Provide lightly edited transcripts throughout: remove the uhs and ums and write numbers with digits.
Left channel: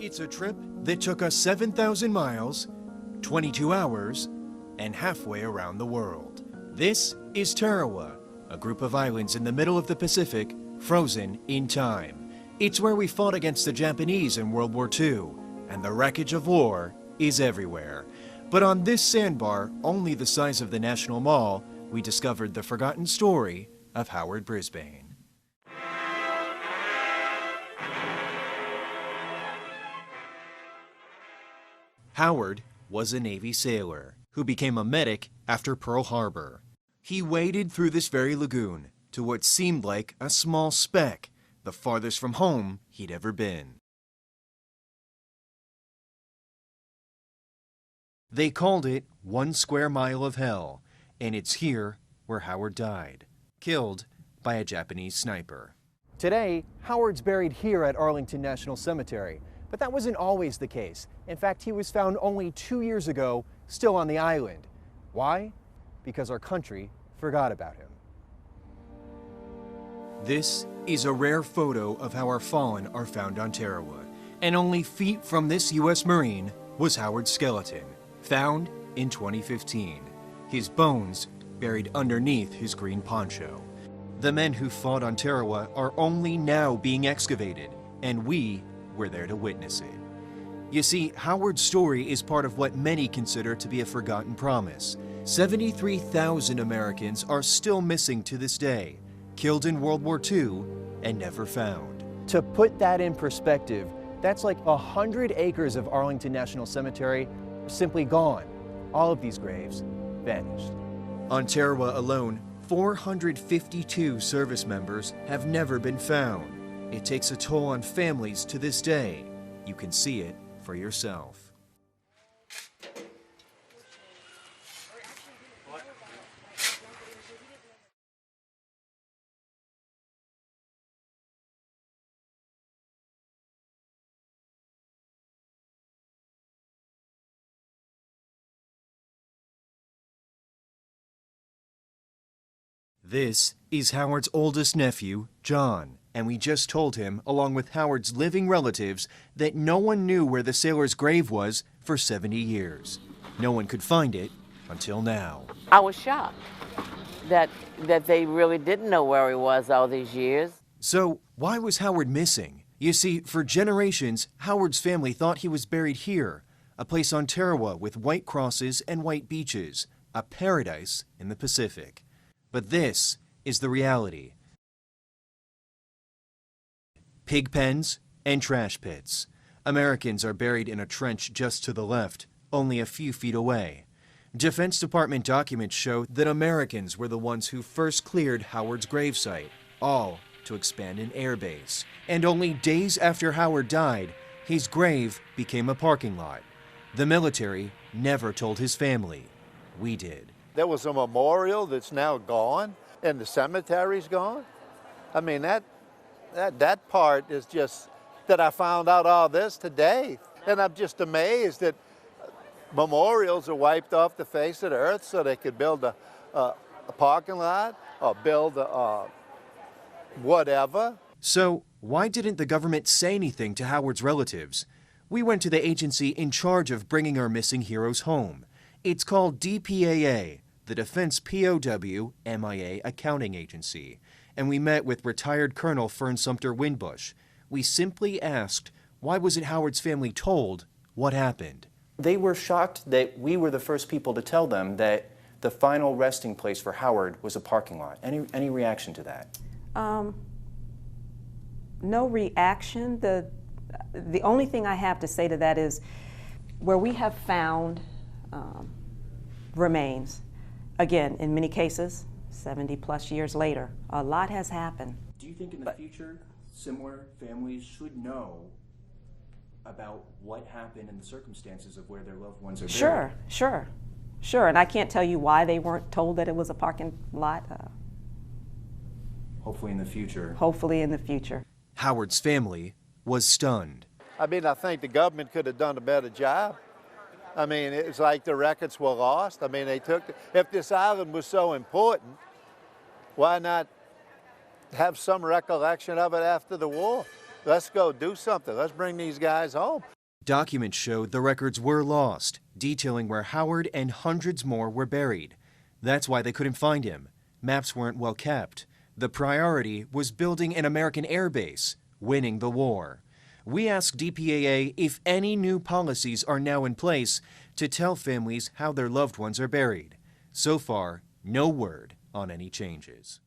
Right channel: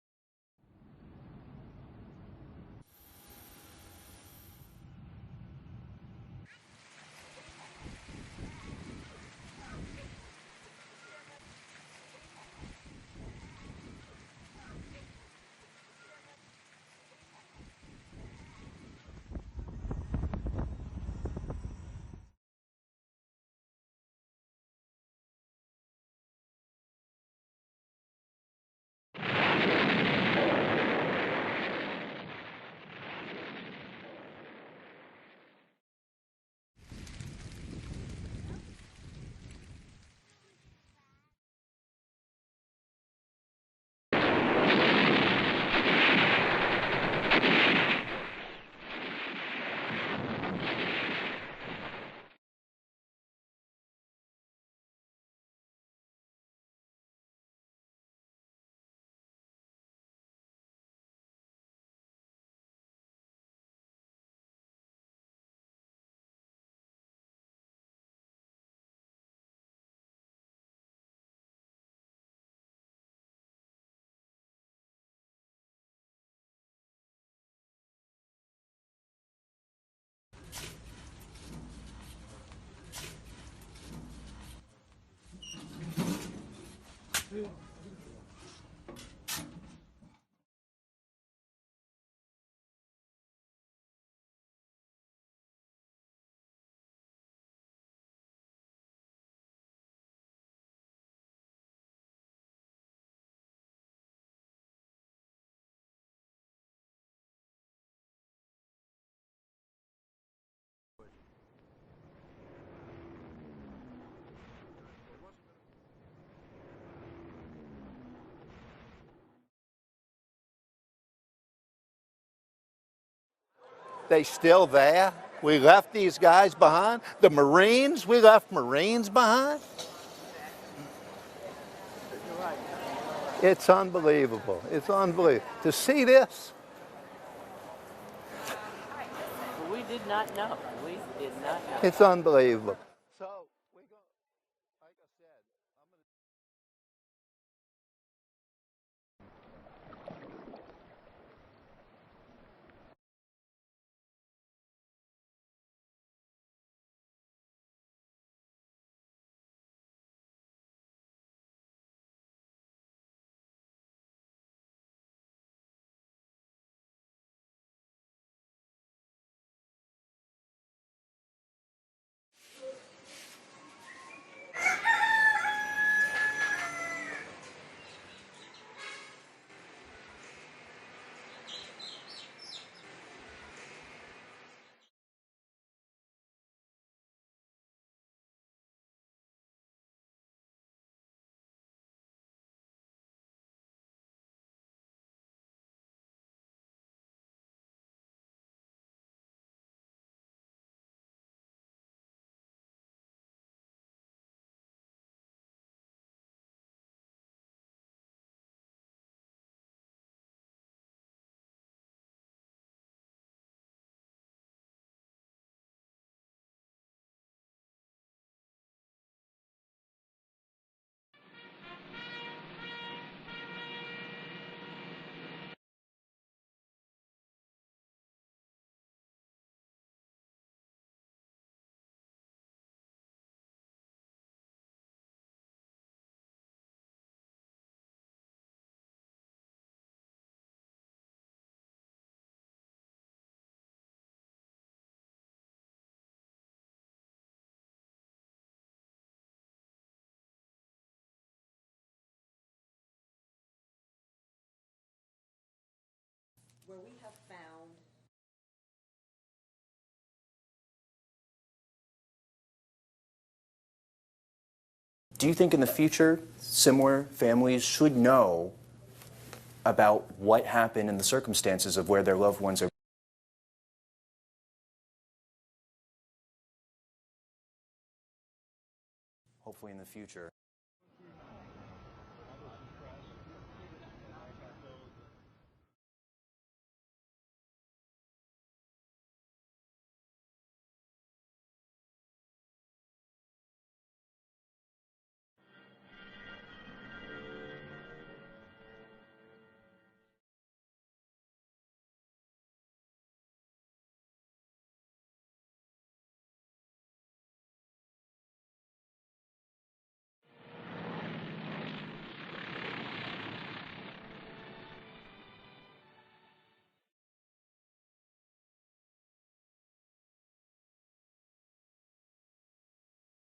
It's a trip that took us 7,000 miles, 22 hours, and halfway around the world. This is Tarawa, a group of islands in the middle of the Pacific, frozen in time. It's where we fought against the Japanese in World War II, and the wreckage of war is everywhere. But on this sandbar, only the size of the National Mall, we discovered the forgotten story of Howard Brisbane. Howard was a Navy sailor who became a medic after Pearl Harbor. He waded through this very lagoon to what seemed like a small speck, the farthest from home he'd ever been. They called it 1 square mile of hell, and it's here where Howard died, killed by a Japanese sniper. Today, Howard's buried here at Arlington National Cemetery, but that wasn't always the case. In fact, he was found only 2 years ago, still on the island. Why? Because our country forgot about him. This is a rare photo of how our fallen are found on Tarawa, and only feet from this U.S. Marine was Howard's skeleton, found in 2015. His bones buried underneath his green poncho. The men who fought on Tarawa are only now being excavated, and we were there to witness it. You see, Howard's story is part of what many consider to be a forgotten promise. 73,000 Americans are still missing to this day, killed in World War II and never found. To put that in perspective, that's like 100 acres of Arlington National Cemetery are simply gone. All of these graves vanished. On Tarawa alone, 452 service members have never been found. It takes a toll on families to this day. You can see it for yourself. They still there? We left these guys behind? The Marines? We left Marines behind? It's unbelievable. It's unbelievable. To see this? We did not know. We did not know. It's unbelievable. This is Howard's oldest nephew, John, and we just told him, along with Howard's living relatives, that no one knew where the sailor's grave was for 70 years. No one could find it until now. I was shocked that they really didn't know where he was all these years. So why was Howard missing? You see, for generations, Howard's family thought he was buried here, a place on Tarawa with white crosses and white beaches, a paradise in the Pacific. But this is the reality. Pig pens and trash pits. Americans are buried in a trench just to the left, only a few feet away. Defense Department documents show that Americans were the ones who first cleared Howard's gravesite, all to expand an airbase. And only days after Howard died, his grave became a parking lot. The military never told his family. We did. There was a memorial that's now gone, and the cemetery's gone. I mean, that part is just, that I found out all this today. And I'm just amazed that memorials are wiped off the face of the earth so they could build a parking lot or build a whatever. So why didn't the government say anything to Howard's relatives? We went to the agency in charge of bringing our missing heroes home. It's called DPAA, the Defense POW MIA Accounting Agency, and we met with retired Colonel Fern Sumter Winbush. We simply asked, why wasn't Howard's family told what happened? They were shocked that we were the first people to tell them that the final resting place for Howard was a parking lot. Any reaction to that? No reaction. The only thing I have to say to that is where we have found remains, again, in many cases, 70 plus years later, a lot has happened. Do you think in the future similar families should know about what happened and the circumstances of where their loved ones are buried? Sure. And I can't tell you why they weren't told that it was a parking lot. Hopefully in the future. Hopefully in the future. Howard's family was stunned. I mean, I think the government could have done a better job. I mean, it's like the records were lost. I mean, if this island was so important, why not have some recollection of it after the war? Let's go do something. Let's bring these guys home. Documents showed the records were lost, detailing where Howard and hundreds more were buried. That's why they couldn't find him. Maps weren't well kept. The priority was building an American air base, winning the war. We asked DPAA if any new policies are now in place to tell families how their loved ones are buried. So far, no word on any changes.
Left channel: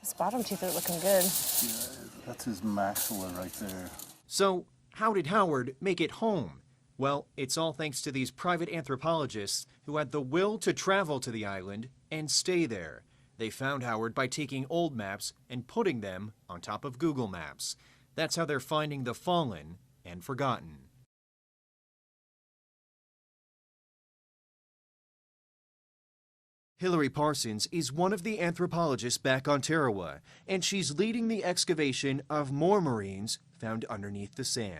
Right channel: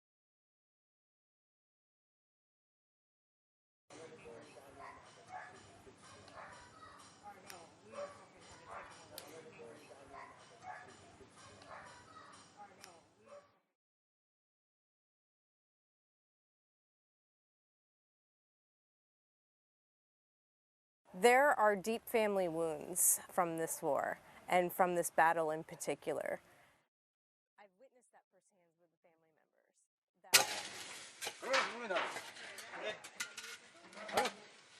His bottom teeth are looking good. Yeah, that's his maxilla right there. So, how did Howard make it home? Well, it's all thanks to these private anthropologists who had the will to travel to the island and stay there. They found Howard by taking old maps and putting them on top of Google Maps. That's how they're finding the fallen and forgotten. There are deep family wounds from this war and from this battle in particular. Hillary Parsons is one of the anthropologists back on Tarawa, and she's leading the excavation of more Marines found underneath the sand.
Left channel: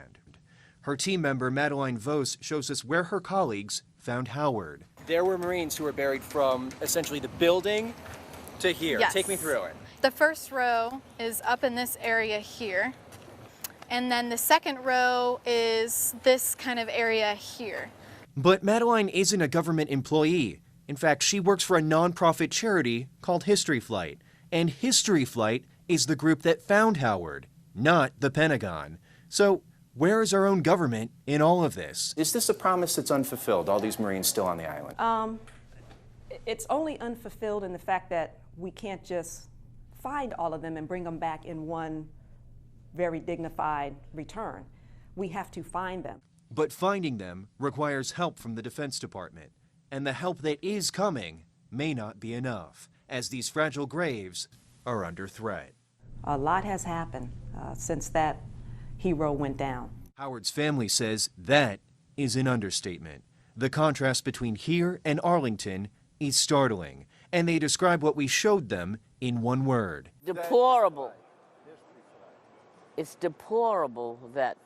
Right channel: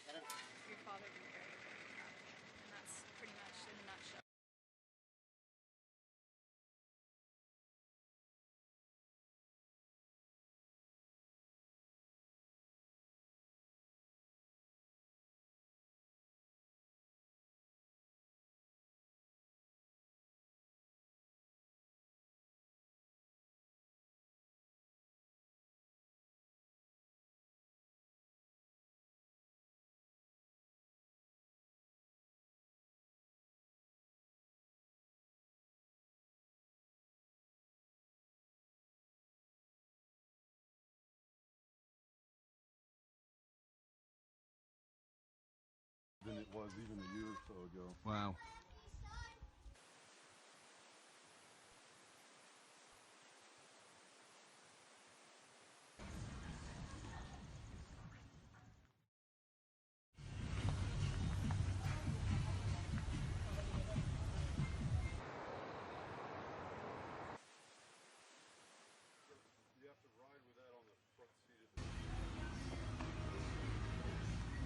Her team member, Madeline Vos, shows us where her colleagues found Howard. There were Marines who were buried from essentially the building to here. Yes. Take me through it. The first row is up in this area here. And then the second row is this kind of area here. But Madeline isn't a government employee. In fact, she works for a nonprofit charity called History Flight. And History Flight is the group that found Howard, not the Pentagon. So where is our own government in all of this? Is this a promise that's unfulfilled, all these Marines still on the island? It's only unfulfilled in the fact that we can't just find all of them and bring them back in one very dignified return. We have to find them. But finding them requires help from the Defense Department. And the help that is coming may not be enough, as these fragile graves are under threat. A lot has happened since that hero went down. Howard's family says that is an understatement. The contrast between here and Arlington is startling, and they describe what we showed them in one word. Deplorable. It's deplorable that,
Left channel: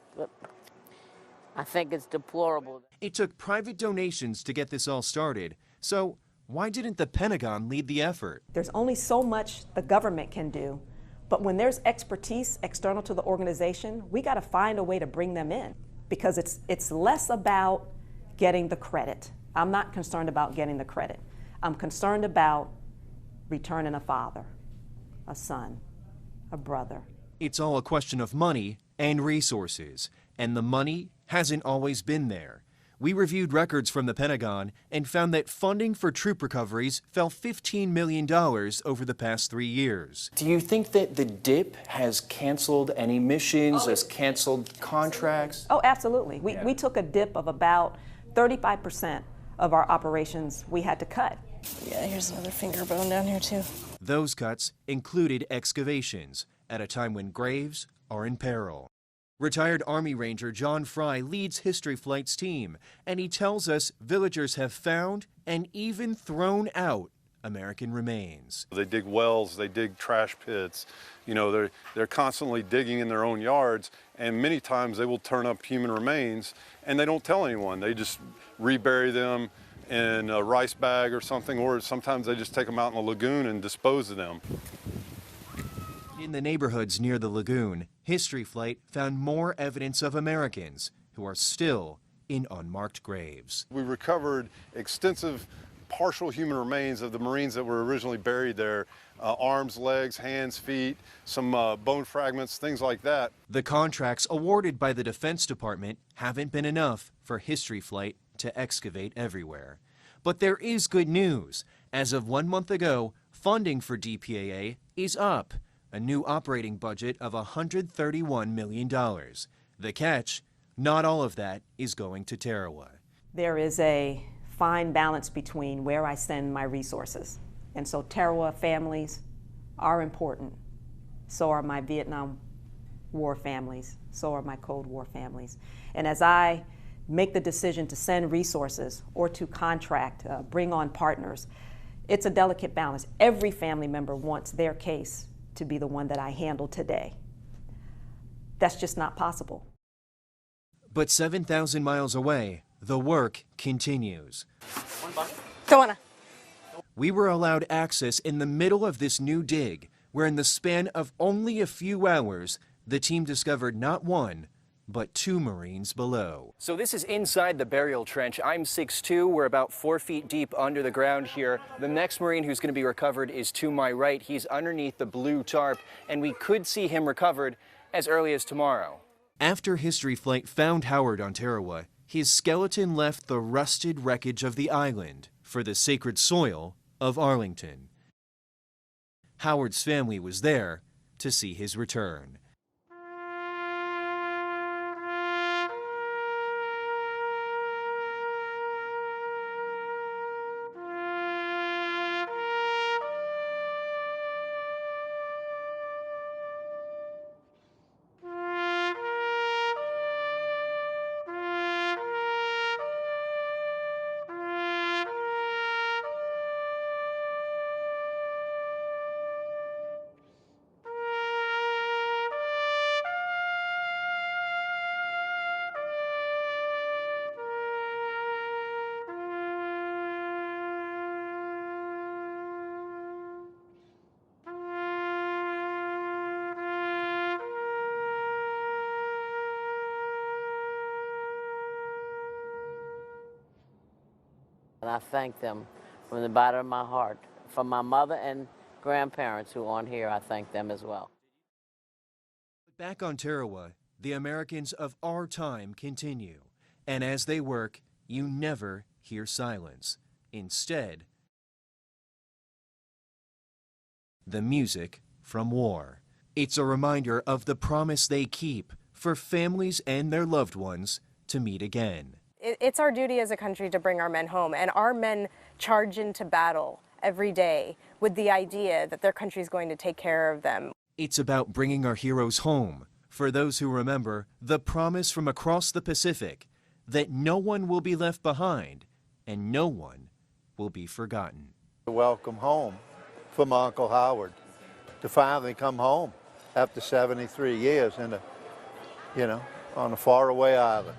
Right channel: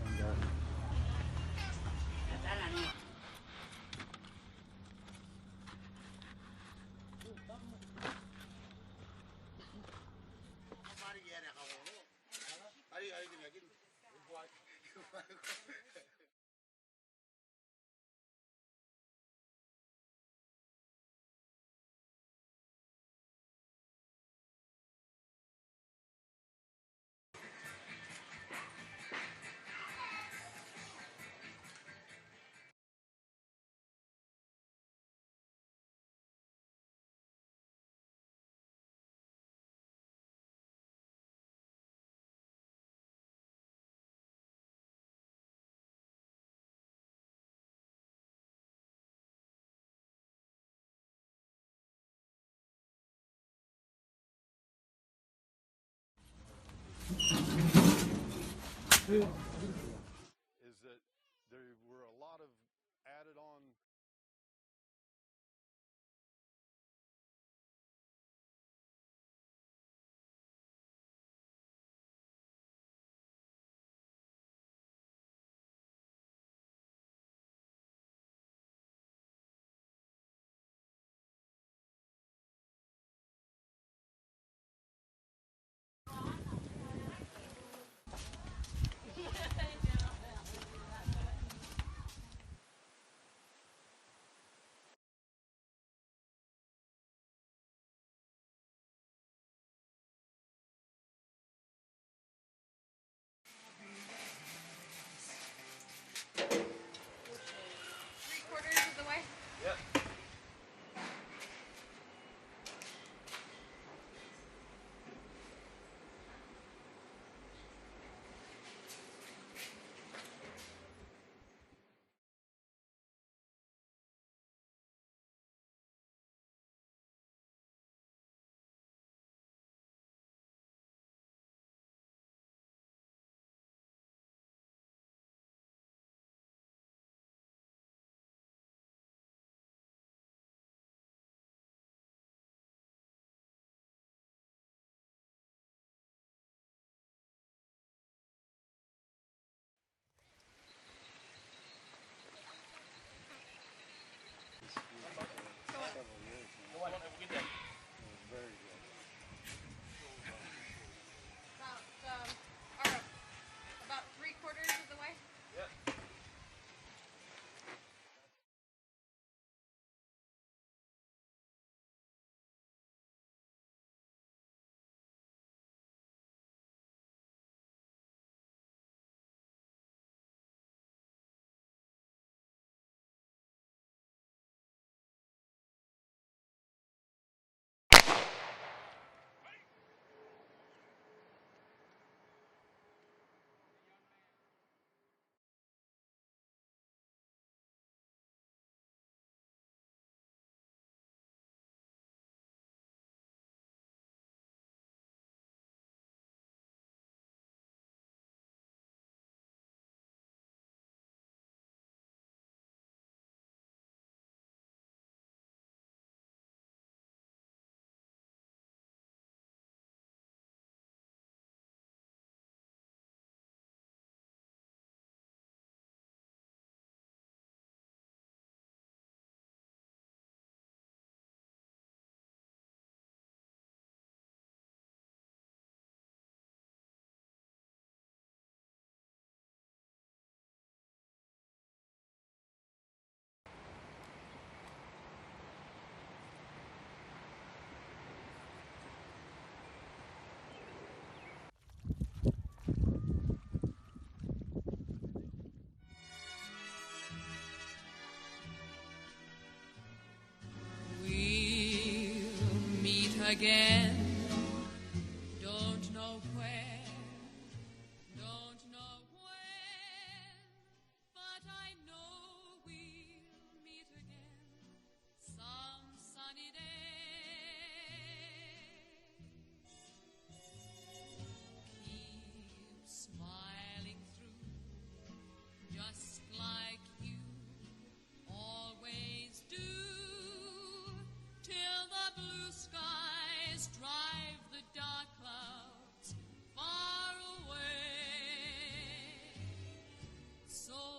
I think it's deplorable. It took private donations to get this all started, so why didn't the Pentagon lead the effort? There's only so much the government can do, but when there's expertise external to the organization, we got to find a way to bring them in, because it's less about getting the credit. I'm not concerned about getting the credit. I'm concerned about returning a father, a son, a brother. It's all a question of money and resources, and the money hasn't always been there. We reviewed records from the Pentagon and found that funding for troop recoveries fell $15 million over the past 3 years. Do you think that the DIP has canceled any missions, has canceled contracts? Oh, absolutely. We took a dip of about 35% of our operations we had to cut. Yeah, here's another finger bone down here too. Those cuts included excavations at a time when graves are in peril. Retired Army Ranger John Fry leads History Flight's team, and he tells us villagers have found and even thrown out American remains. They dig wells, they dig trash pits. You know, they're constantly digging in their own yards, and many times they will turn up human remains, and they don't tell anyone. They just rebury them in a rice bag or something, or sometimes they just take them out in the lagoon and dispose of them. In the neighborhoods near the lagoon, History Flight found more evidence of Americans who are still in unmarked graves. We recovered extensive partial human remains of the Marines that were originally buried there. Arms, legs, hands, feet, some bone fragments, things like that. The contracts awarded by the Defense Department haven't been enough for History Flight to excavate everywhere. But there is good news. As of 1 month ago, funding for DPAA is up. A new operating budget of $131 million. The catch, not all of that is going to Tarawa. There is a fine balance between where I send my resources. And so Tarawa families are important. So are my Vietnam War families. So are my Cold War families. And as I make the decision to send resources or to contract, bring on partners, it's a delicate balance. Every family member wants their case to be the one that I handle today. That's just not possible. But 7,000 miles away, the work continues. Go on. We were allowed access in the middle of this new dig, where in the span of only a few hours, the team discovered not one, but 2 Marines below. So this is inside the burial trench. I'm 6'2". We're about 4 feet deep under the ground here. The next Marine who's going to be recovered is to my right. He's underneath the blue tarp, and we could see him recovered as early as tomorrow. After History Flight found Howard on Tarawa, his skeleton left the rusted wreckage of the island for the sacred soil of Arlington. Howard's family was there to see his return. And I thank them from the bottom of my heart. For my mother and grandparents who aren't here, I thank them as well. Back on Tarawa, the Americans of our time continue. And as they work, you never hear silence. Instead, we'll meet again. The music from war. It's a reminder of the promise they keep for families and their loved ones to meet again. It's our duty as a country to bring our men home, and our men charge into battle every day with the idea that their country is going to take care of them. It's about bringing our heroes home. For those who remember, the promise from across the Pacific that no one will be left behind and no one will be forgotten. Welcome home from Uncle Howard to finally come home after 73 years in a, on a faraway island.